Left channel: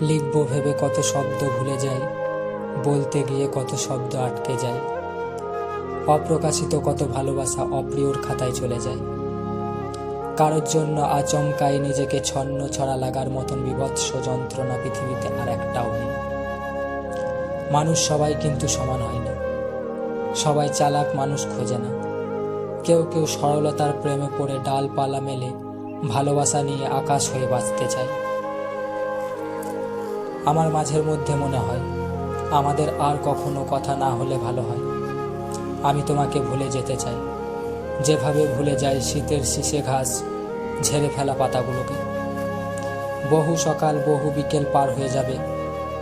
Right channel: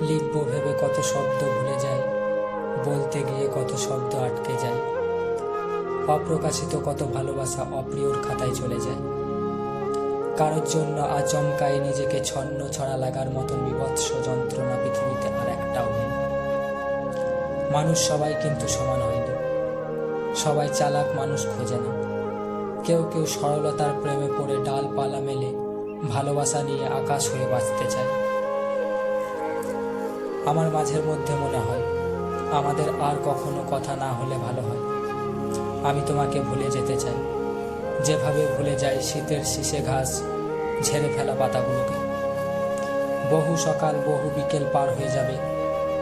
লিখব ভেবে কত শব্দ ভুলে যাই, বলতে গিয়ে কত শব্দ আটকে যায়। অপ্রকাশিত কত ভালোবাসা অপ্রিয়র খাতায় চলে যায়। কারোর জন্য আচমকাই নিজেকে ছন্ন ছড়া লাগার মতন বিভৎস যন্ত্রণা পৃথিবীতে আর একটাও নেই। মানুষ সবাই কিন্তু সমান হয়নি। সবাই চালাক মানুষ খোঁজে না। কেউ কেউ সরলতার প্রেমে পড়ে ডালপালা মেলে ভালোবাসা নিয়ে আকাশ হয়ে বাঁচতে চায়। আমার মাঝের মধ্যে মনে হয় আমাদের আর কখনো কথা না হলে ভালো হয়। আমি তোমাকে ভুলে যেতে চাই, যেভাবে ভুলে যাই শীতের শিশে ঘাস ঝেড়ে ফেলা পাতাগুলোকে। বহু সকাল বহু বিকেল পার হয়ে যাবে,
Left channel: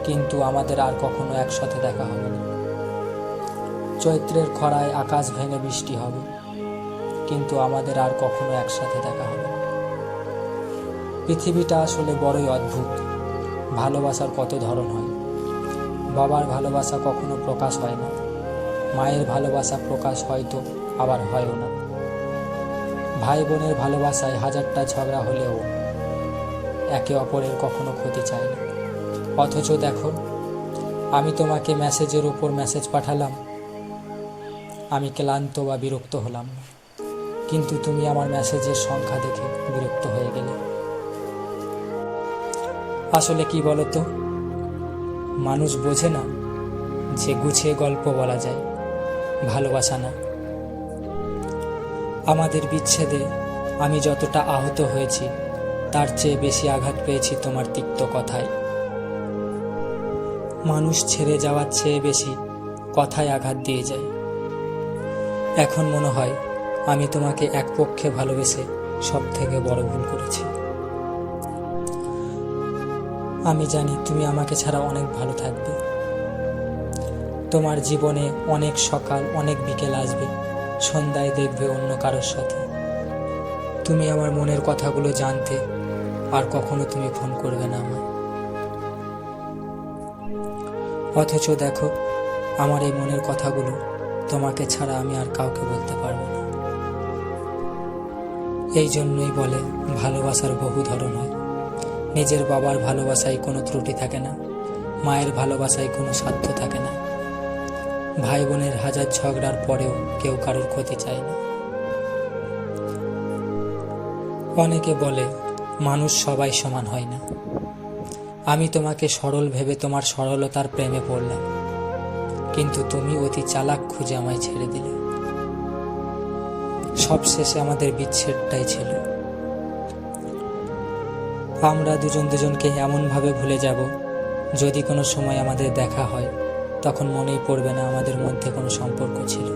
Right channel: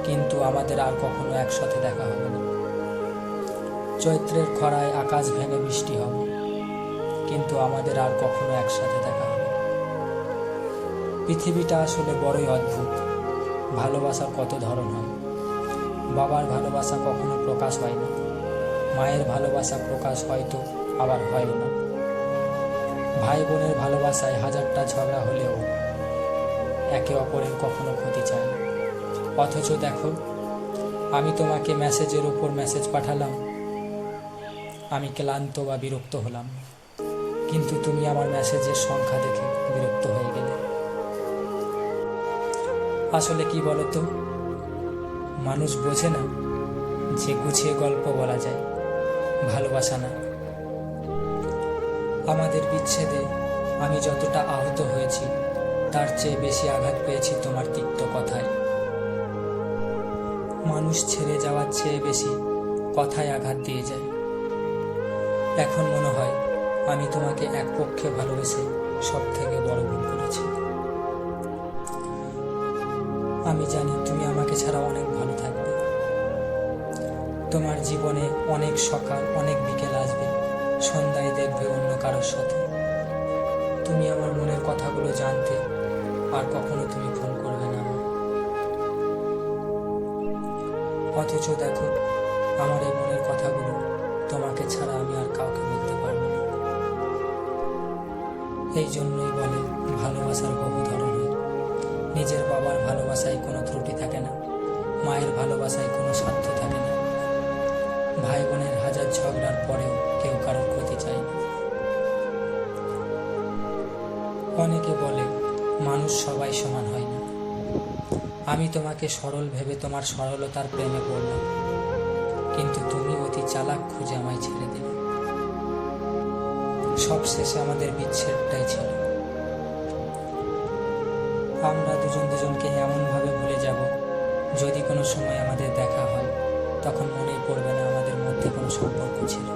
কিন্তু আমাদের আর কখনো একসাথে দেখা হবে না। চৈত্রের খরায় আকাশ ভেঙে বৃষ্টি হবে, কিন্তু আমাদের আর কখনো একসাথে দেখা হবে না। পৃথিবীটা আসলে বড়ই অদ্ভুত। ভালোবাসার কত ধরন হয়। বাবার ভালোবাসা কখনো প্রকাশ হয় না, মায়ের ভালোবাসা প্রকাশ হয়তো আবার হয়ও না। ভাই বোনের ভালোবাসায় হাজারটা ঝগড়া হলেও একে অপরের কখনো ক্ষতি চায় না। অথচ দেখো, আমি তোমাকে মেসেজের উপর মেসেজ পাঠালাম, আমি ক্লান্ত বা বিরক্ত হলাম না, কিন্তু তুমি আমার মেসেজের সংখ্যা দেখে বিরক্ত হয়ে গেলে। আসলে কি বলতো, মানুষ বোঝে না যে গুছিয়ে গল্প বলা যায়, ভালোবাসা না। আমাদের বিচ্ছেদে আমি যতটা আহত হয়েছি তার চেয়ে বেশি আঘাত পেয়েছি তোমার তিক্ত কথায়। মানুষ ছেড়ে যাওয়ার চেয়ে বেশি কথায় আঘাত দিয়ে যায়। এখন মনে হয় আমি তোমাকে এক পক্ষে ভালোবেসে সব থেকে বড় ভুল করেছি। আমি জানি তুমি আমাকে ছাড়া অনেক ভালো থাকবে। তোমার জীবনে অনেক সকাল অনেক বিকেল আসবে, সন্ধ্যায় দেখবে অন্য কারোর সাথে। তুমি আমার মনের কথাগুলো জানতে, আর কখনো তুমি ফোন করবে না আমার। অথচ দেখো, আমার এই মনের কথাগুলো তোমাকে ছাড়া আমি আর কাউকে বলতে পারবো না। এই জন্যই বলে ভালোবাসার বহু ধরন হয়। নিজের বাবার ভালোবাসায় কোনো ত্রুটি থাকে না, মায়ের ভালোবাসায় কোনো স্বার্থ থাকে না। ভাই বোনের হাজার ঝগড়ার পরেও কেউ কারোর ক্ষতি চায় না। অনেকে বলে মানুষ সবাই সমান হয় না। আমি তোমাকে সরল ভেবে তোমার সরলতার প্রেমে পড়লাম, কিন্তু তুমি অতি চালাক খুঁজে আমায় ছেড়ে দিলে। সবশেষে আমাদের বিচ্ছেদটাই ছিল। আমরা দুজন দুজনকে এমনভাবে ভুলে যাব, যদি কোনো সময় আমাদের দেখা হয় তখন মনেই পড়বে না আমাদের মধ্যে কোনো সম্পর্ক ছিল।